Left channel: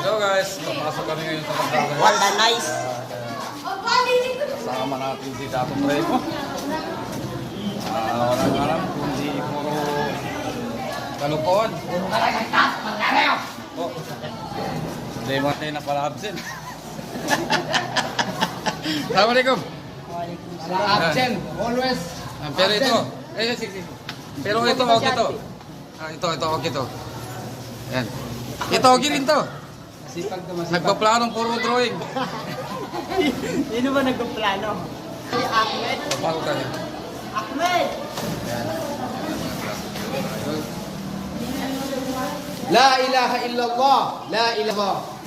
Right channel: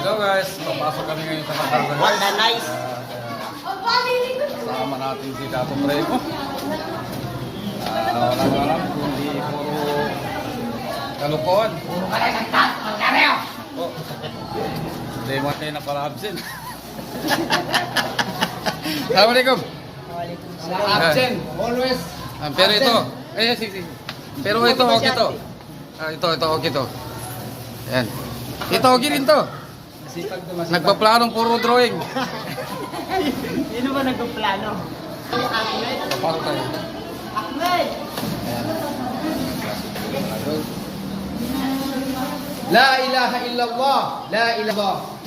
Hello guys, papasok kami ngayon sa Pasada. What a nice. Kasama natin si Dato Prego. Walang alam, kundi puro kalukuhan. Oh, Dayman tayo na pala absent. Assalamualaikum. Absent, always. Pero ito, sige. Pero ito, okay to. Ito, okay to. Ayan. Ito, okay rin to. Nagpaplanong puro drawing. Sino ba nagpaplano? Papasok tayo. Ahmed! Ayan. La ilaha illallah. La ilaha.